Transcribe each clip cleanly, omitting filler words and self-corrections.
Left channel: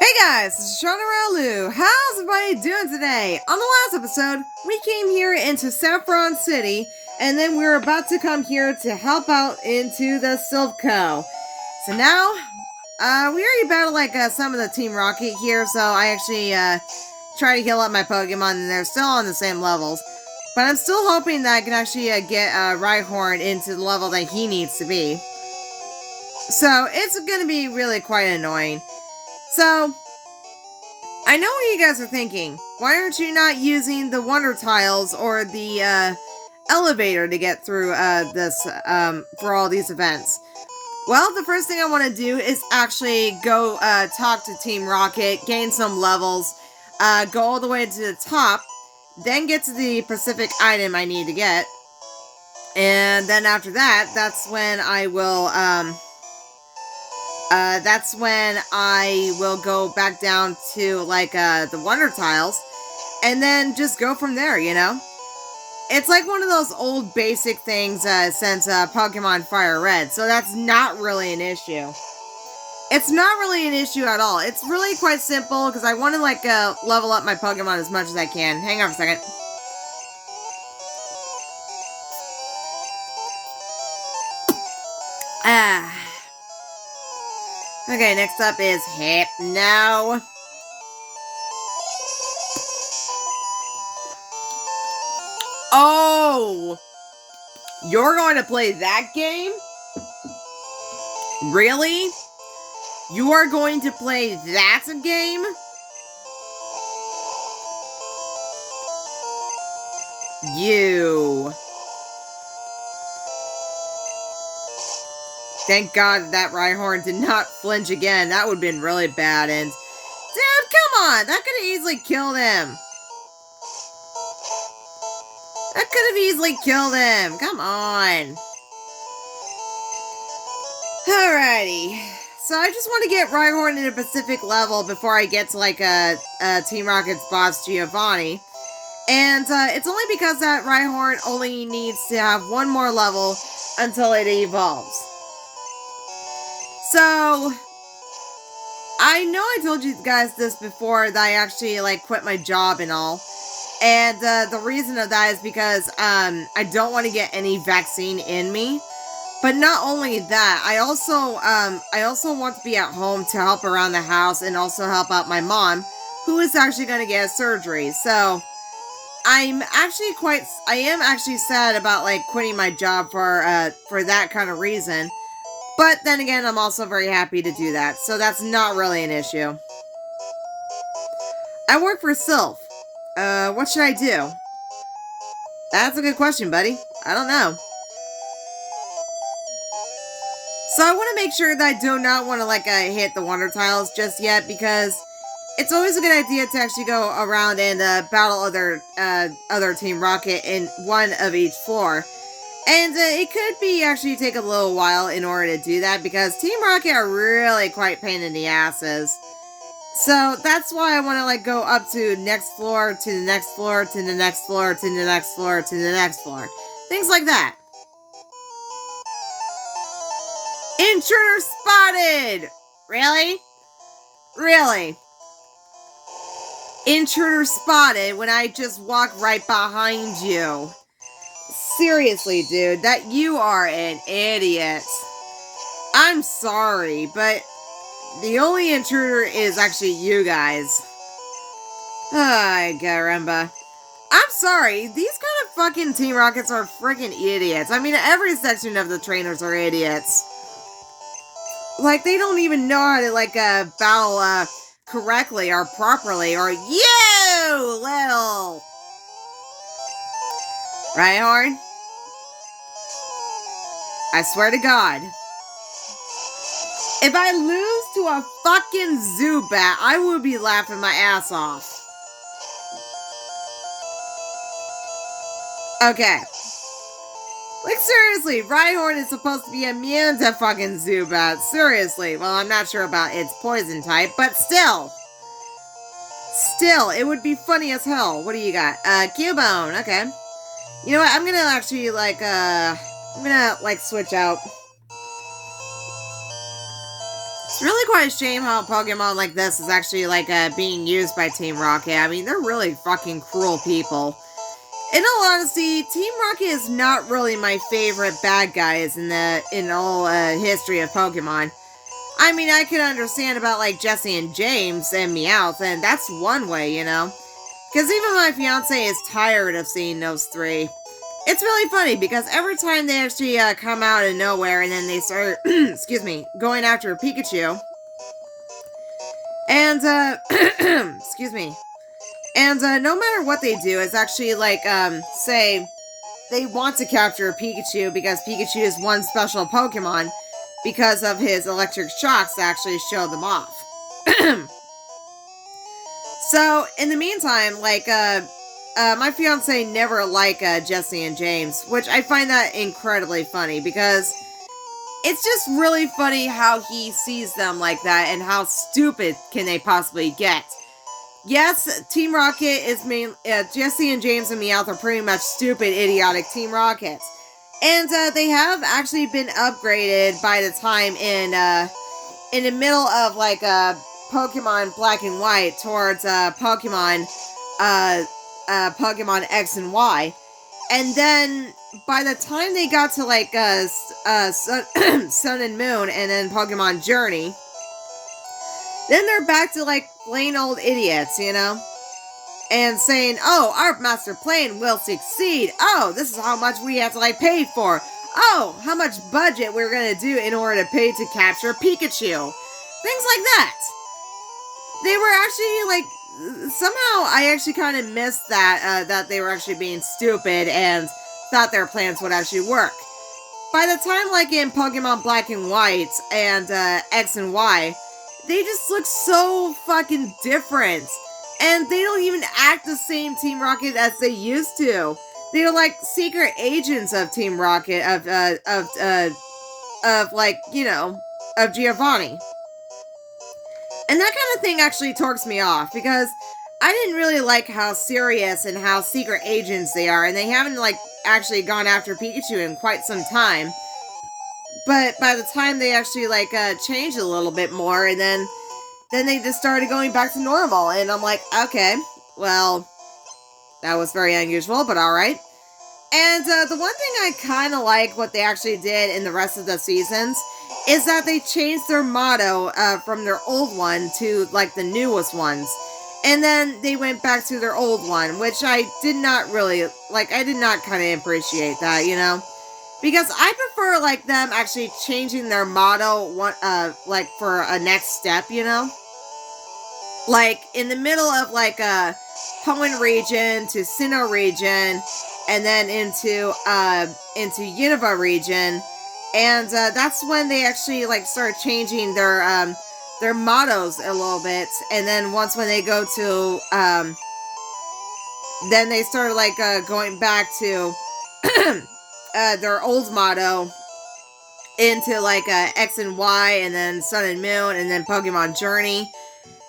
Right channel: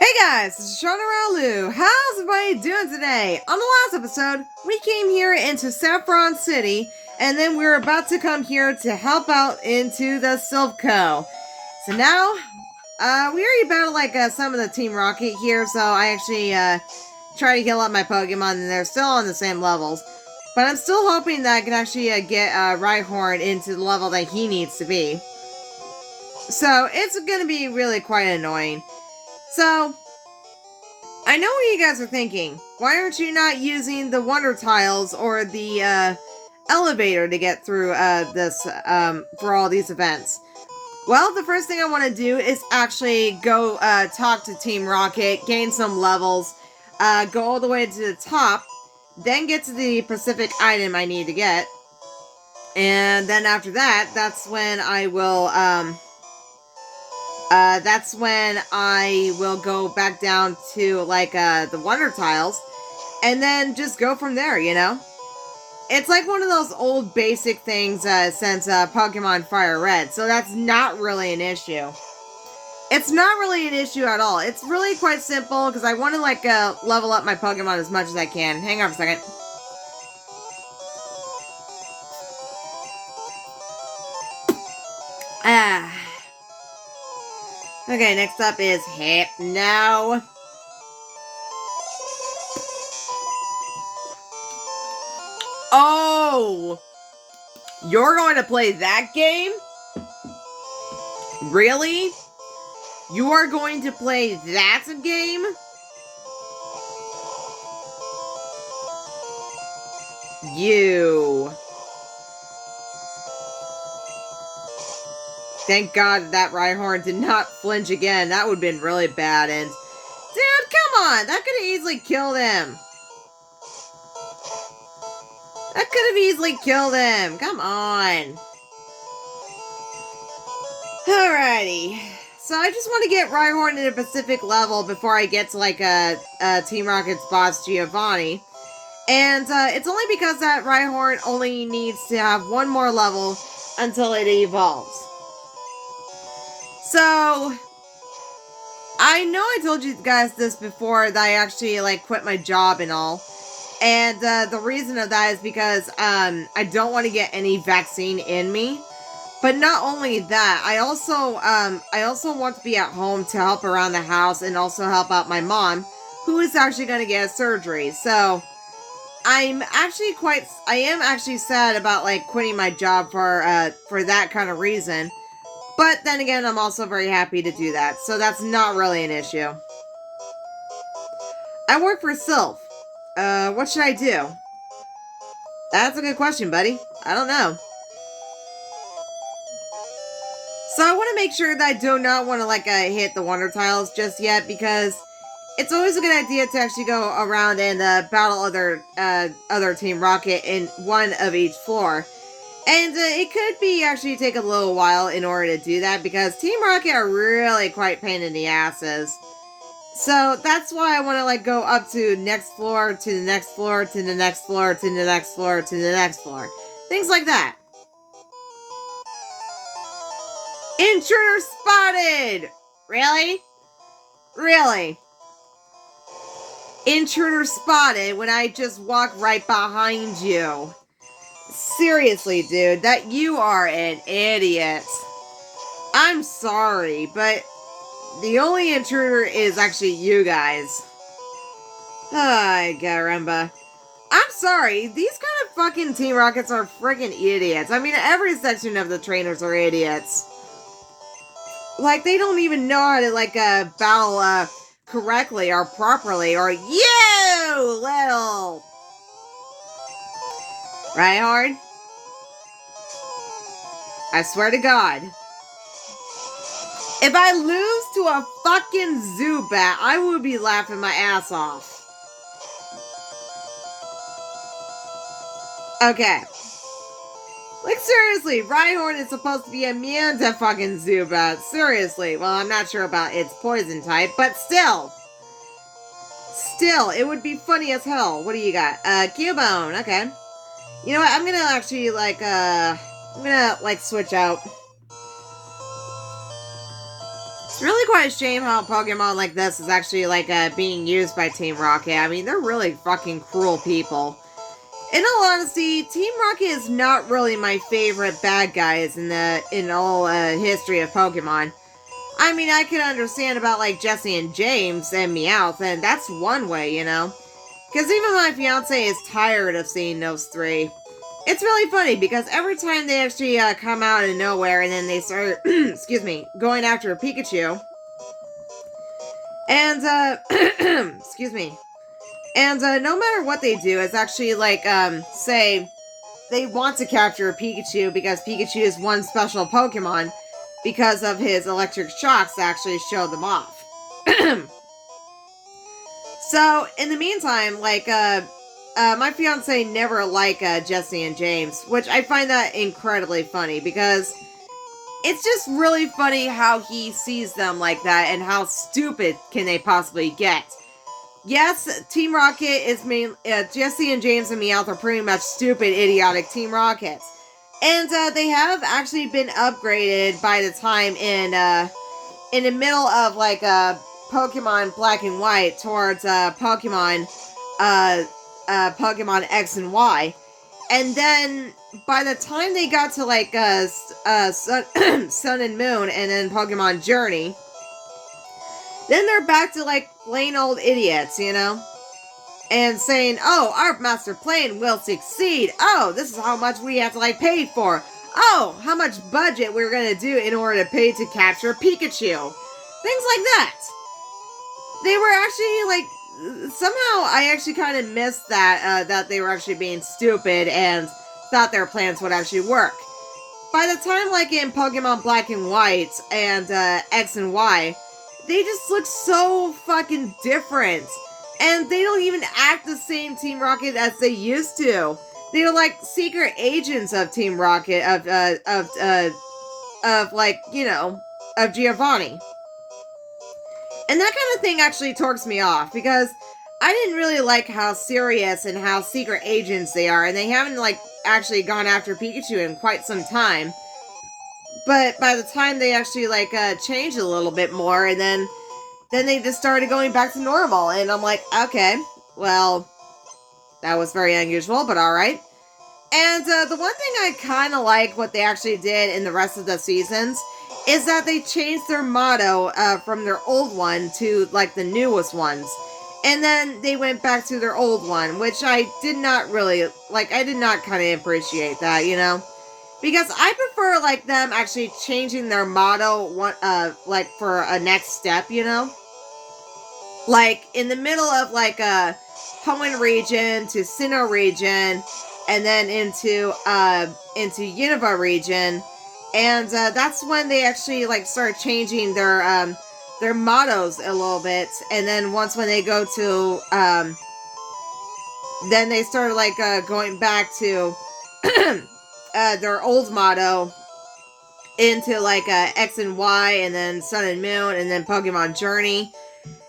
Hey guys, this is Shauna Raulu. How's everybody doing today? On the last episode, we came here into Saffron City, and then we were about to come here to help out into the Silph.Co. So now, we already battled some of the Team Rocket here, so I actually try to heal up my Pokemon, and they're still on the same levels. But I'm still hoping that I can actually get Rhyhorn into the level that he needs to be. So it's going to be really quite annoying. So, I know what you guys are thinking. Why aren't you not using the Wonder Tiles or the elevator to get through this for all these events? Well, the first thing I want to do is actually go talk to Team Rocket, gain some levels, go all the way to the top, then get to the Pacific item I need to get, and then after that, that's when I will go back down to the Wonder Tiles, and then just go from there, you know? It's like one of those old basic things since Pokemon Fire Red, so that's not really an issue. It's not really an issue at all. It's really quite simple, because I want to level up my Pokemon as much as I can. Hang on a second. Okay, next up is Hypno. Oh! You're going to play that game? Really? You are going to play that game? You. Thank God that Rhyhorn did not flinch again. That would have been really bad. And, dude, come on! That could have easily killed him. That could have easily killed him. Come on. Alrighty. So I just want to get Rhyhorn in a Pacific level before I get to Team Rocket's boss Giovanni. And it's only because that Rhyhorn only needs to have one more level until it evolves. So, I know I told you guys this before, that I actually, quit my job and all. And, the reason of that is because, I don't want to get any vaccine in me. But not only that, I also want to be at home to help around the house and also help out my mom, who is actually going to get a surgery. So, I am actually sad about, quitting my job for that kind of reason. But then again, I'm also very happy to do that, so that's not really an issue. I work for Silph. What should I do? That's a good question, buddy. I don't know. So I want to make sure that I do not want to, hit the Wonder Tiles just yet, because it's always a good idea to actually go around and, battle other Team Rocket in one of each floor. And it could be actually take a little while in order to do that, because Team Rocket are really quite pain in the asses. So that's why I want to go up to next floor, to the next floor, to the next floor, to the next floor, to the next floor. Things like that. Intruder spotted! Really? Really? Intruder spotted when I just walk right behind you. Seriously, dude, that you are an idiot. I'm sorry, but the only intruder is actually you guys. Ay, caramba. I'm sorry, these kind of fucking Team Rockets are freaking idiots. I mean, every section of the trainers are idiots. They don't even know how to, battle, correctly or properly, or you little... Rhyhorn? I swear to God. If I lose to a fucking Zubat, I would be laughing my ass off. Okay. Seriously, Rhyhorn is supposed to be immune to fucking Zubat. Seriously. Well, I'm not sure about its poison type, but still. Still, it would be funny as hell. What do you got? Cubone. Okay. You know what? I'm gonna actually, I'm gonna, switch out It's really quite a shame how Pokemon like this is actually like being used by Team Rocket. I mean, they're really fucking cruel people. In all honesty, Team Rocket is not really my favorite bad guys in all history of Pokemon. I mean, I can understand about like Jesse and James and Meowth, and that's one way, you know. Because even my fiance is tired of seeing those three. It's really funny because every time they actually come out of nowhere and then they start, excuse me, going after a Pikachu. And, excuse me. And no matter what they do, it's actually like, say, they want to capture a Pikachu because Pikachu is one special Pokemon because of his electric shocks to actually show them off. So, in the meantime, like, my fiance never liked Jesse and James, which I find that incredibly funny because it's just really funny how he sees them like that and how stupid can they possibly get. Yes, Team Rocket is Jesse and James and Meowth are pretty much stupid, idiotic Team Rockets. And they have actually been upgraded by the time in the middle of like Pokemon Black and White towards Pokemon X and Y. And then by the time they got to like Sun and Moon and then Pokemon Journey, then they're back to like plain old idiots, you know? And saying, oh, our master plan will succeed. Oh, this is how much we have to like pay for. Oh, how much budget we're gonna do in order to pay to capture Pikachu. Things like that. They were actually like, somehow I actually kind of missed that, that they were actually being stupid and thought their plans would actually work. By the time like in Pokemon Black and White and X and Y, they just look so fucking different. And they don't even act the same Team Rocket as they used to. They're like secret agents of Team Rocket, of like, you know, of Giovanni. And that kind of thing actually torques me off because I didn't really like how serious and how secret agents they are. And they haven't like actually gone after Pikachu in quite some time. But by the time they actually like changed a little bit more, and then they just started going back to normal, and I'm like, okay, well, that was very unusual, but alright. And the one thing I kind of like what they actually did in the rest of the seasons is that they changed their motto from their old one to like the newest ones. And then they went back to their old one, which I did not really, like, I did not kind of appreciate that, you know? Because I prefer, like, them actually changing their motto, like, for a next step, you know? Like, in the middle of, like, Hoenn region to Sinnoh region, and then into Unova region. And, that's when they actually, like, start changing their mottos a little bit. And then once when they go to, then they started, like, going back to their old motto into like X and Y and then Sun and Moon and then Pokemon Journey.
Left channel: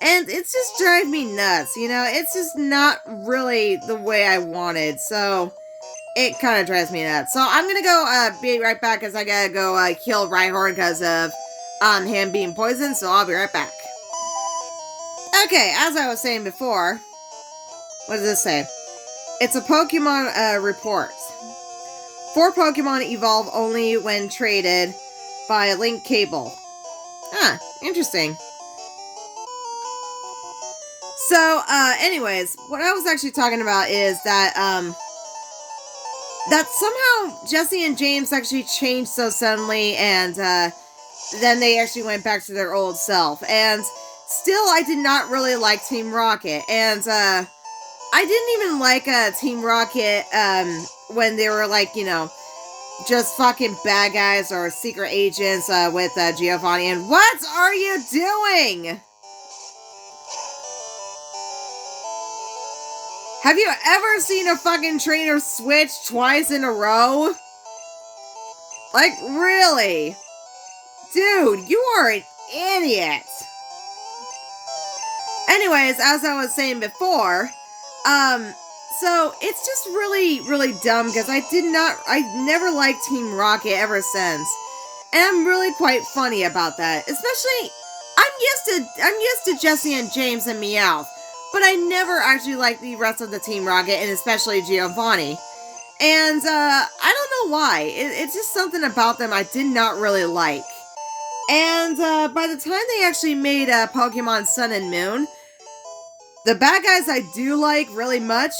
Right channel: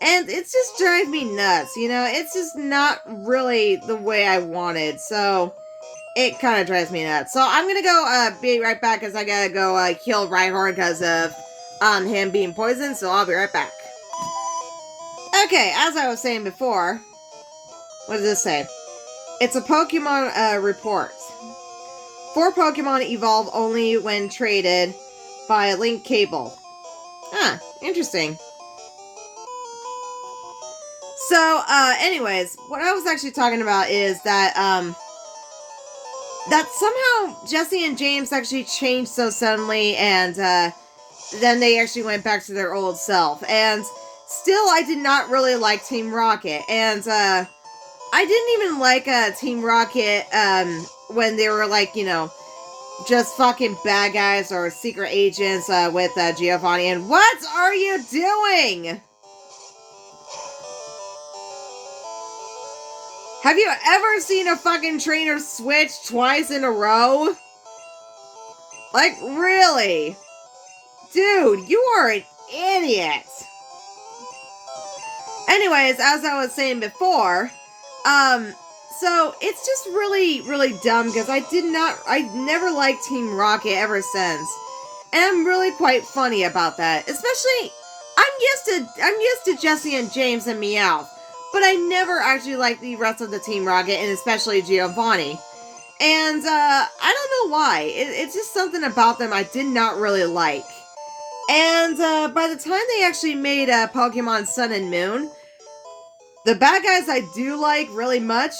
And it's just driving me nuts, you know? It's just not really the way I wanted, so it kind of drives me nuts. So I'm gonna go be right back because I gotta go kill Rhyhorn because of him being poisoned, so I'll be right back. Okay, as I was saying before, what does this say? It's a Pokemon report. 4 Pokemon evolve only when traded by a link cable. Ah, interesting. So, anyways, what I was actually talking about is that, that somehow Jesse and James actually changed so suddenly, and, then they actually went back to their old self. And still, I did not really like Team Rocket. And, I didn't even like, Team Rocket, when they were like, you know, just fucking bad guys or secret agents with Giovanni. And what are you doing? Have you ever seen a fucking trainer switch twice in a row? Like, really? Dude, you are an idiot. Anyways, as I was saying before, so it's just really, really dumb because I never liked Team Rocket ever since. And I'm really quite funny about that. Especially I'm used to Jesse and James and Meowth, but I never actually liked the rest of the Team Rocket, and especially Giovanni. And I don't know why. It's just something about them I did not really like. And by the time they actually made Pokemon Sun and Moon, the bad guys I do like really much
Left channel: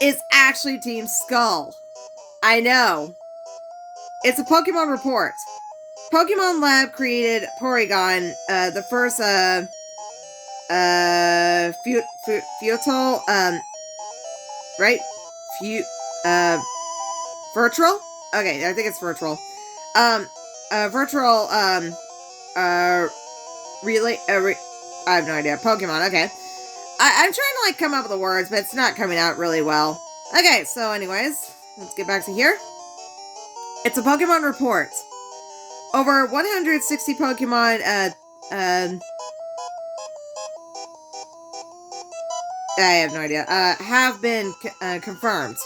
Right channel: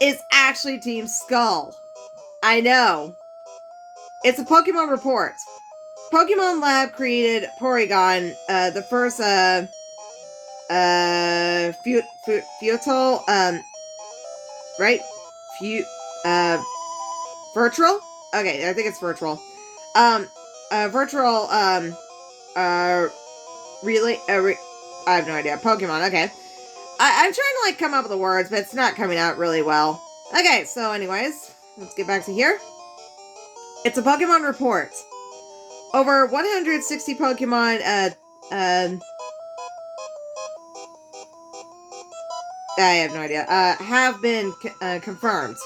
is actually Team Skull. I know. It's a Pokemon report. Pokemon Lab created Porygon, the first, Futile, right? Virtual? Okay, I think it's virtual. Virtual, relay, I have no idea. Pokemon, okay. I'm trying to, like, come up with the words, but it's not coming out really well. Okay, so anyways, let's get back to here. It's a Pokemon report. Over 160 Pokemon, I have no idea, have been, confirmed.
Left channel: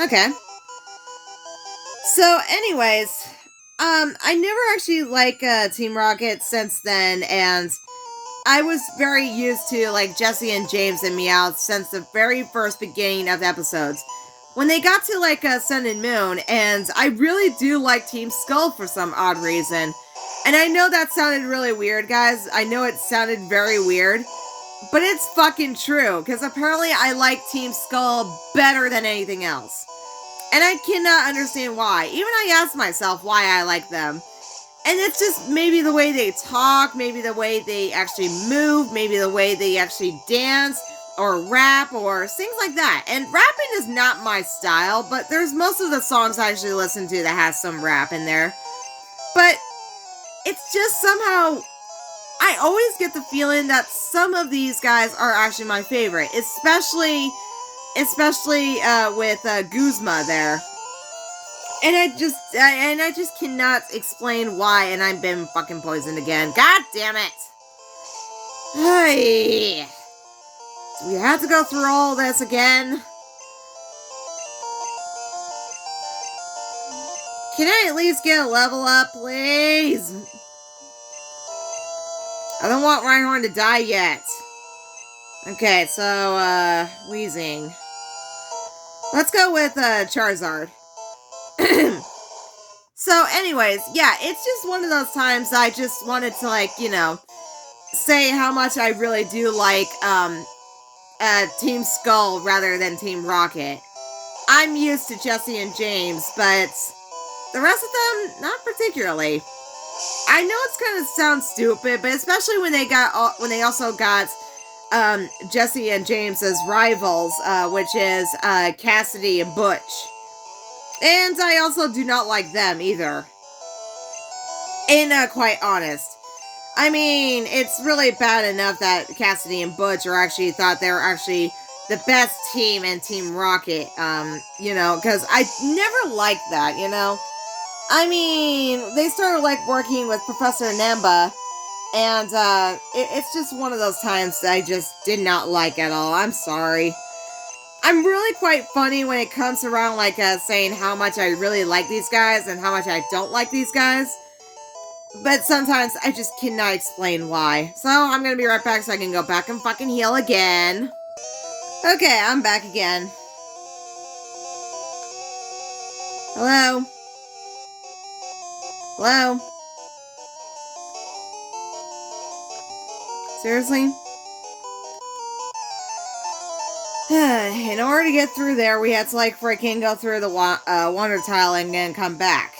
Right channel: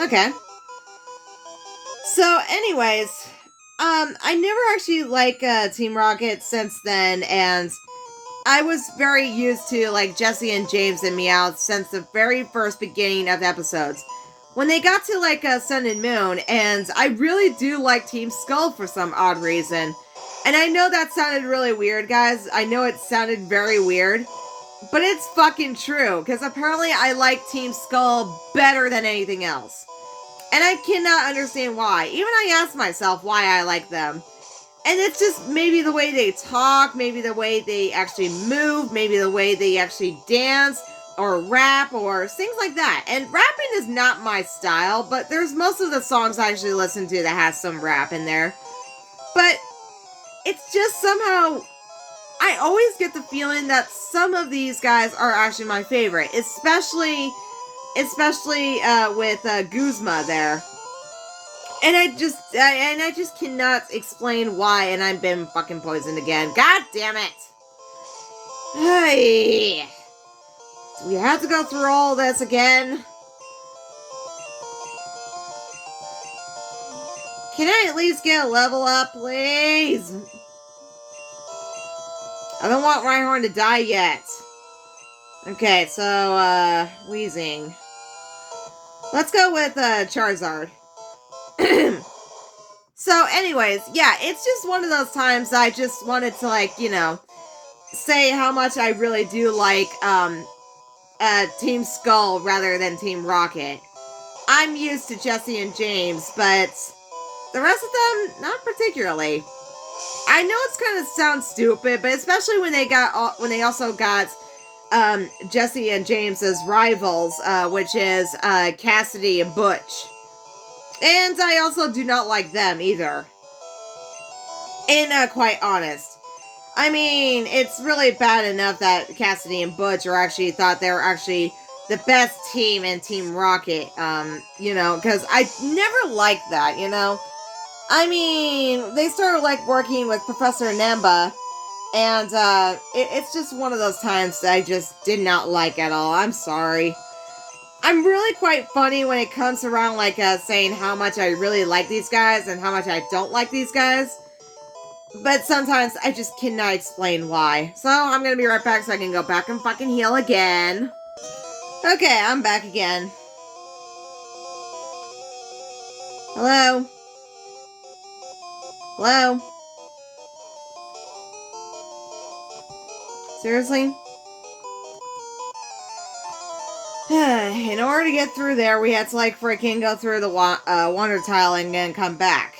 Okay. So, anyways, I never actually liked, Team Rocket since then, and I was very used to, like, Jesse and James and Meowth since the very first beginning of the episodes. When they got to, like, Sun and Moon, and I really do like Team Skull for some odd reason. And I know that sounded really weird, guys. I know it sounded very weird. But it's fucking true, because apparently I like Team Skull better than anything else. And I cannot understand why. Even I ask myself why I like them. And it's just maybe the way they talk, maybe the way they actually move, maybe the way they actually dance, or rap, or things like that. And rapping is not my style, but there's most of the songs I actually listen to that has some rap in there. But it's just somehow, I always get the feeling that some of these guys are actually my favorite, especially with Guzma there. And I just cannot explain why, and I've been fucking poisoned again. God damn it! Hey, do we have to go through all this again? Can I at least get a level up, please? I don't want Rhyhorn to die yet. Okay, so, Weezing. Let's go with, Charizard. So, anyways, yeah, it's just one of those times I just wanted to, like, you know, say how much I really do like, Team Skull rather than Team Rocket. I'm used to Jesse and James, but the rest of them, not particularly. I know it's kind of sounds stupid, but especially when they also got Jesse and James as rivals, which is Cassidy and Butch. And I also do not like them either. And quite honest. I mean, it's really bad enough that Cassidy and Butch thought they were actually the best team in Team Rocket, you know, because I never liked that, you know. I mean, they started, like, working with Professor Namba, and, it's just one of those times that I just did not like at all. I'm sorry. I'm really quite funny when it comes around, like, saying how much I really like these guys and how much I don't like these guys. But sometimes I just cannot explain why. So, I'm gonna be right back so I can go back and fucking heal again. Okay, I'm back again. Hello? Hello? Seriously? In order to get through there, we had to, like, freaking go through the Wonder Tile and then come back.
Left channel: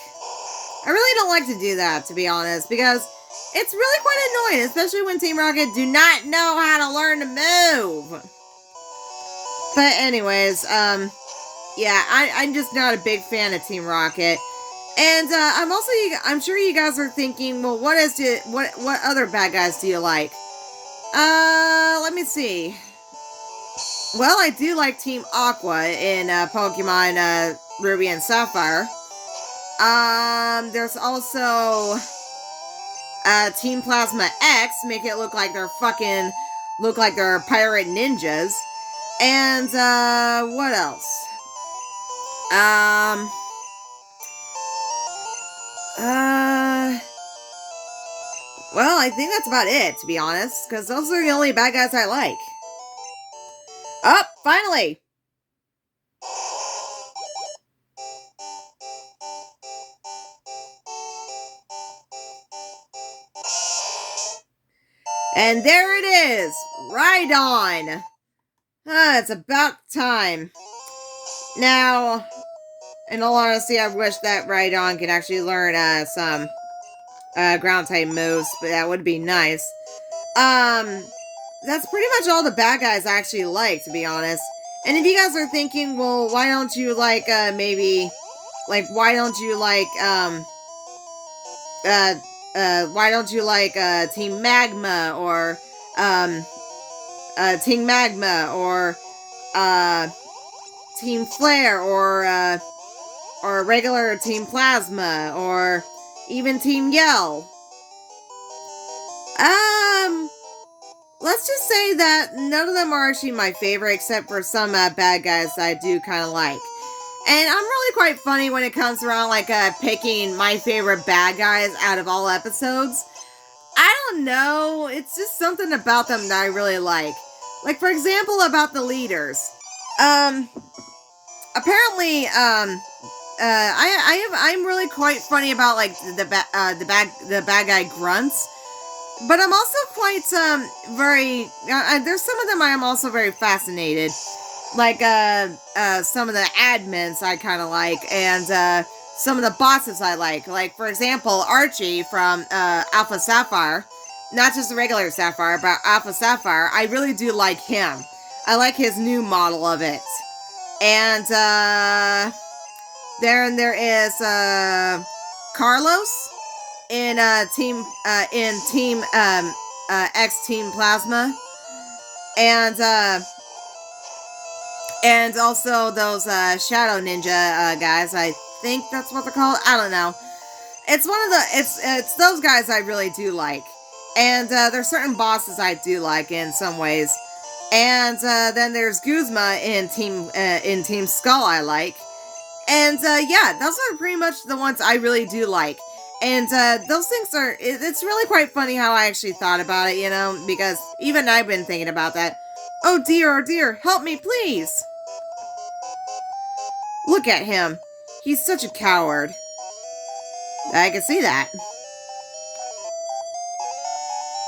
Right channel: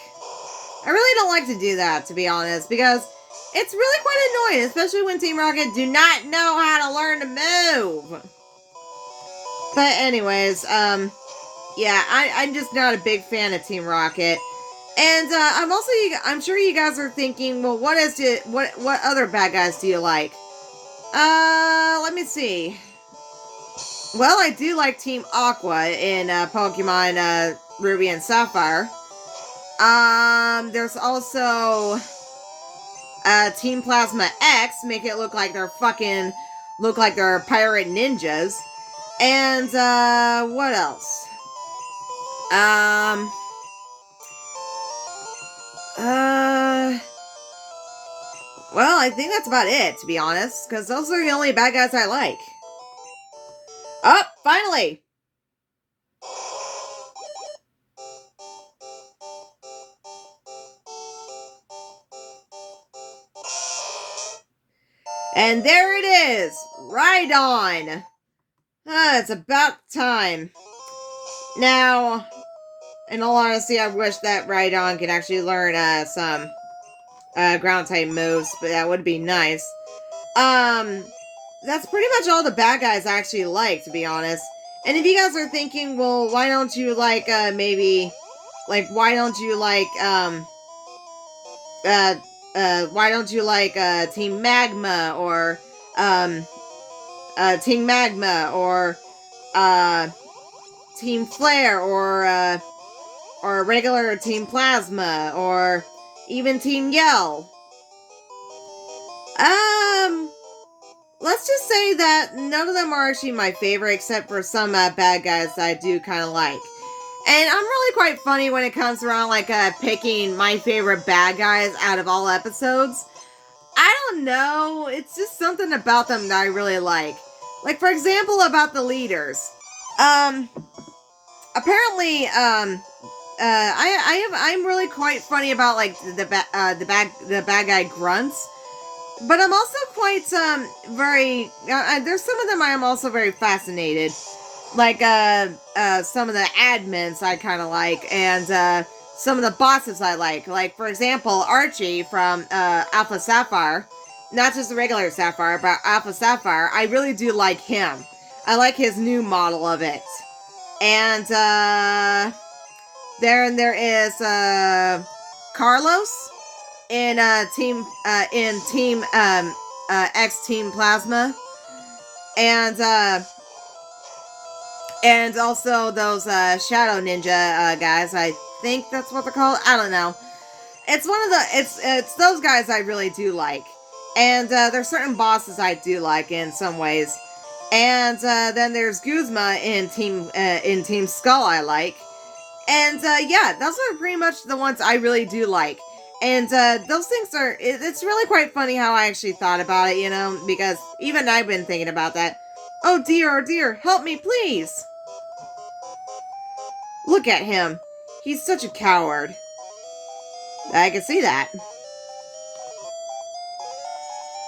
I really don't like to do that, to be honest, because it's really quite annoying, especially when Team Rocket do not know how to learn to move. But anyways, yeah, I'm just not a big fan of Team Rocket. And, I'm sure you guys are thinking, well, what other bad guys do you like? Let me see. Well, I do like Team Aqua in, Pokemon, Ruby and Sapphire. There's also, Team Plasma X, make it look like they're pirate ninjas. And, what else? Well, I think that's about it, to be honest, because those are the only bad guys I like. Oh, finally! And there it is! Rhydon! It's about time. Now, in all honesty, I wish that Rhydon could actually learn some ground type moves, but that would be nice. That's pretty much all the bad guys I actually like, to be honest. And if you guys are thinking, well, why don't you like, why don't you like, Team Magma, or, Team Magma, or, Team Flare, or regular Team Plasma, or even Team Yell? Let's just say that none of them are actually my favorite, except for some bad guys that I do kind of like. And I'm really quite funny when it comes around, like, picking my favorite bad guys out of all episodes. I don't know, it's just something about them that I really like. Like, for example, about the leaders. Apparently, I'm really quite funny about, like, the bad guy grunts. But I'm also quite, there's some of them I am also very fascinated. Like, some of the admins I kind of like, and, some of the bosses I like. Like, for example, Archie from, Alpha Sapphire. Not just the regular Sapphire, but Alpha Sapphire. I really do like him. I like his new model of it. And, there is, Carlos in Team X Team Plasma, and also those Shadow Ninja guys. I think that's what they're called. I don't know. It's one of the it's those guys I really do like, and there's certain bosses I do like in some ways, and then there's Guzma in Team Skull I like, and yeah, those are pretty much the ones I really do like. And those things are, it's really quite funny how I actually thought about it, you know, because even I've been thinking about that. Oh dear, help me, please! Look at him. He's such a coward. I can see that.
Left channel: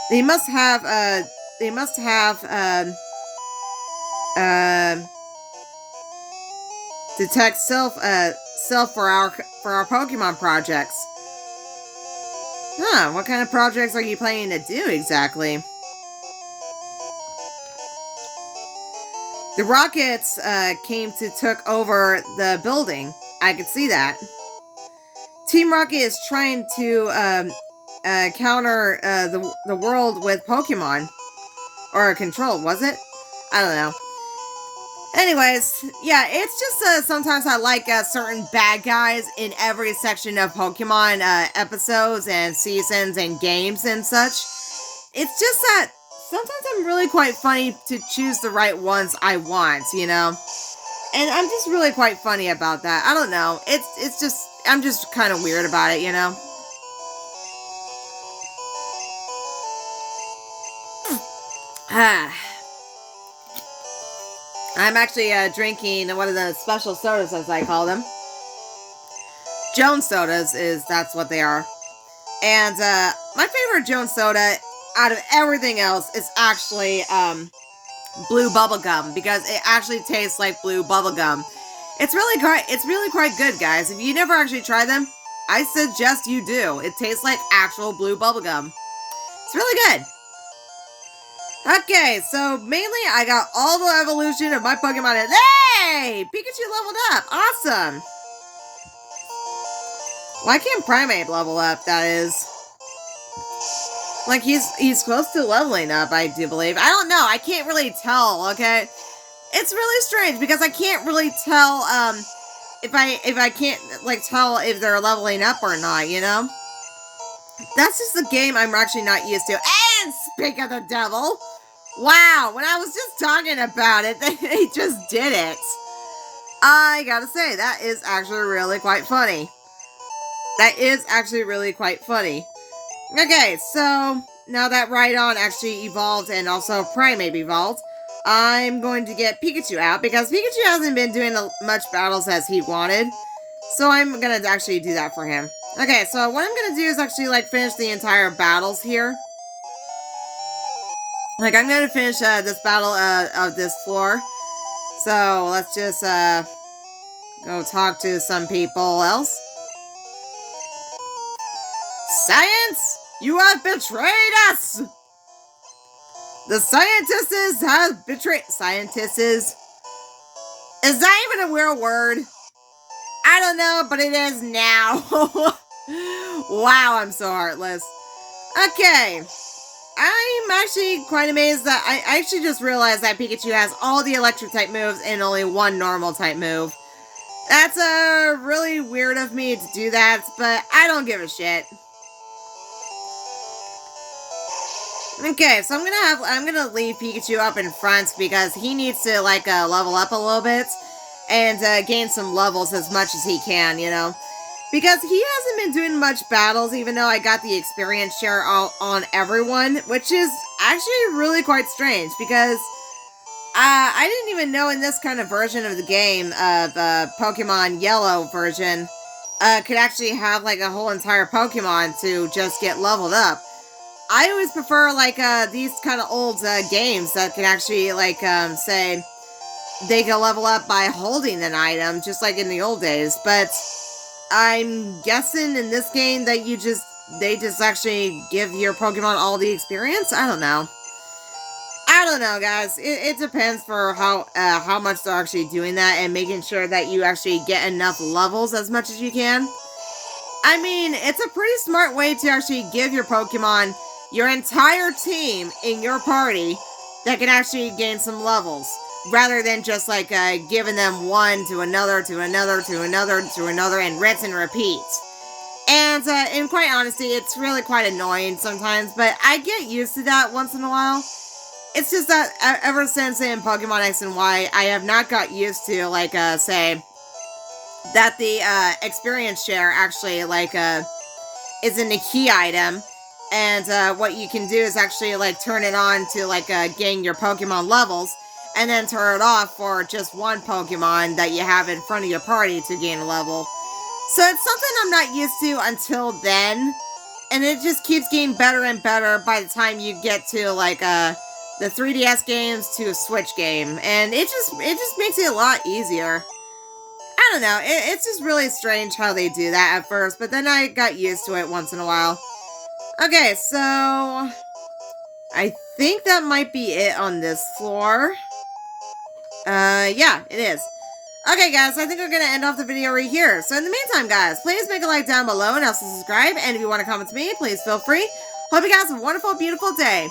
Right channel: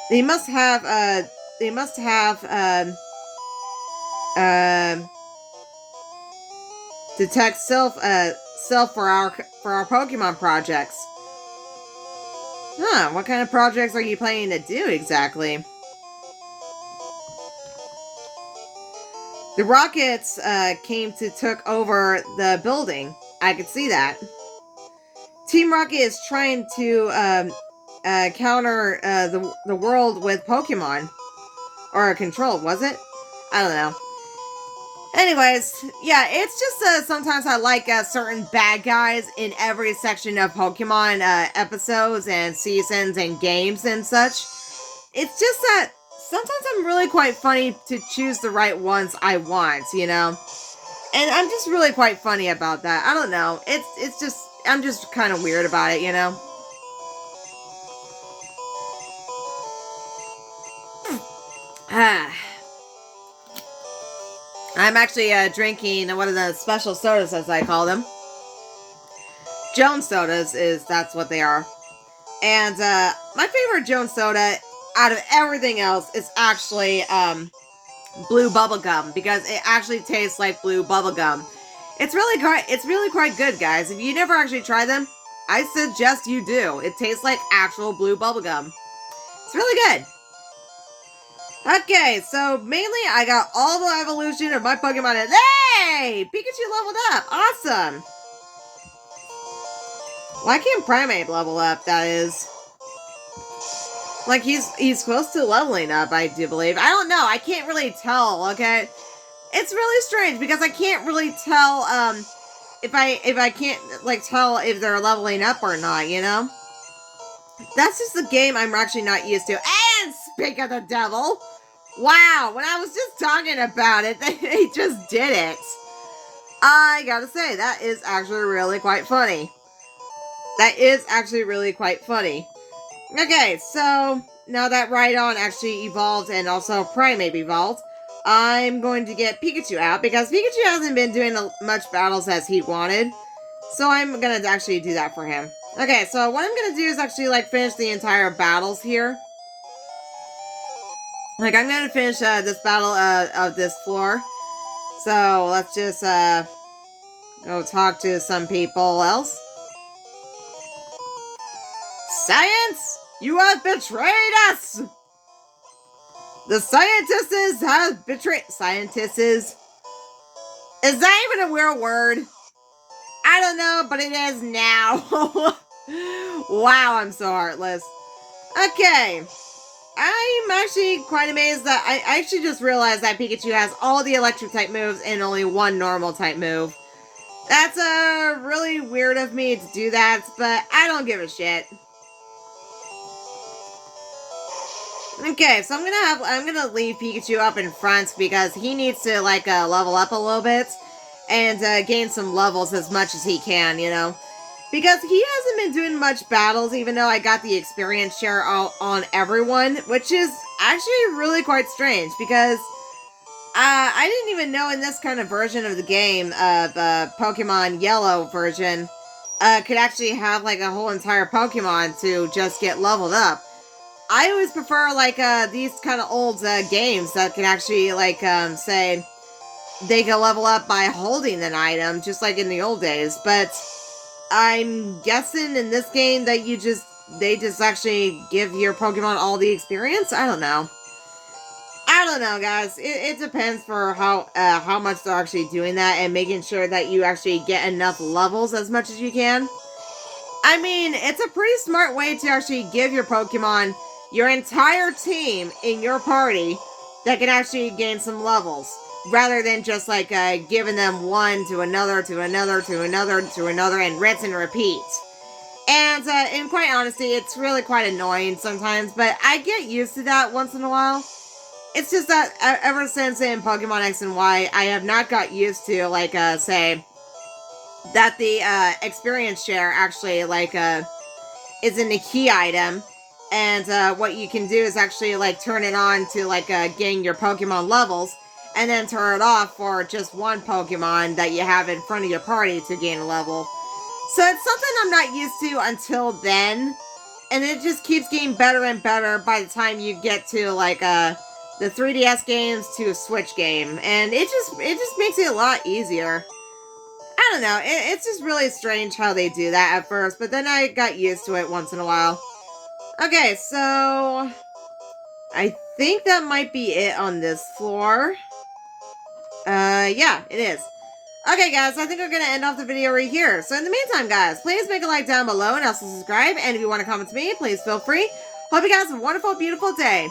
They must have, detect self for our Pokemon projects. Huh, what kind of projects are you planning to do exactly? The Rockets took over the building. I could see that. Team Rocket is trying to counter the world with Pokemon. Or Control, was it? I don't know. Anyways, yeah, it's just sometimes I like certain bad guys in every section of Pokemon episodes and seasons and games and such. It's just that sometimes I'm really quite funny to choose the right ones I want, you know? And I'm just really quite funny about that. I don't know. It's just, I'm just kind of weird about it, you know? I'm actually drinking one of the special sodas, as I call them. Jones sodas that's what they are. And my favorite Jones soda out of everything else is actually blue bubblegum, because it actually tastes like blue bubblegum. It's really quite good, guys. If you never actually tried them, I suggest you do. It tastes like actual blue bubblegum. It's really good. Okay, so mainly I got all the evolution of my Pokemon. Hey! Pikachu leveled up! Awesome! Why can't Primeape level up, that is? Like, he's close to leveling up, I do believe. I don't know, I can't really tell, okay? It's really strange, because I can't really tell, if I can't, like, tell if they're leveling up or not, you know? That's just the game I'm actually not used to. And speak of the devil! Wow, when I was just talking about it, they just did it. I gotta say, that is actually really quite funny. That is actually really quite funny. Okay, so now that Rhydon actually evolved and also Primeape evolved, I'm going to get Pikachu out because Pikachu hasn't been doing much battles as he wanted. So I'm gonna actually do that for him. Okay, so what I'm gonna do is actually like finish the entire battles here. Like I'm gonna finish this battle of this floor. So let's just go talk to some people else. Science! You have betrayed us! The scientists have betrayed... Scientists? Is that even a real word? I don't know, but it is now. Wow, I'm so heartless. Okay. I'm actually quite amazed that I actually just realized that Pikachu has all the electric type moves and only one normal type move. That's really weird of me to do that, but I don't give a shit. Okay, so I'm gonna leave Pikachu up in front because he needs to like level up a little bit and gain some levels as much as he can, you know. Because he hasn't been doing much battles, even though I got the experience share on everyone, which is actually really quite strange because I didn't even know in this kind of version of the game, the Pokemon Yellow version, could actually have like a whole entire Pokemon to just get leveled up. I always prefer like these kind of old games that can actually like say they can level up by holding an item, just like in the old days. But I'm guessing in this game that they just actually give your Pokemon all the experience. I don't know. I don't know, guys. It depends for how much they're actually doing that and making sure that you actually get enough levels as much as you can. I mean, it's a pretty smart way to actually give your Pokemon your entire team in your party that can actually gain some levels, rather than just like giving them one to another to another to another to another and rinse and repeat. And in quite honesty, it's really quite annoying sometimes, but I get used to that once in a while. It's just that ever since in Pokemon X and Y, I have not got used to like say that the experience share actually like isn't a key item, and what you can do is actually like turn it on to like gain your Pokemon levels, and then turn it off for just one Pokemon that you have in front of your party to gain a level. So it's something I'm not used to until then, and it just keeps getting better and better by the time you get to like the 3DS games to a Switch game, and it just makes it a lot easier. I don't know, it's just really strange how they do that at first, but then I got used to it once in a while. Okay, so I think that might be it on this floor. Yeah, it is. Okay, guys, I think we're gonna end off the video right here. So in the meantime, guys, please make a like down below and also subscribe. And if you want to comment to me, please feel free. Hope you guys have a wonderful, beautiful day.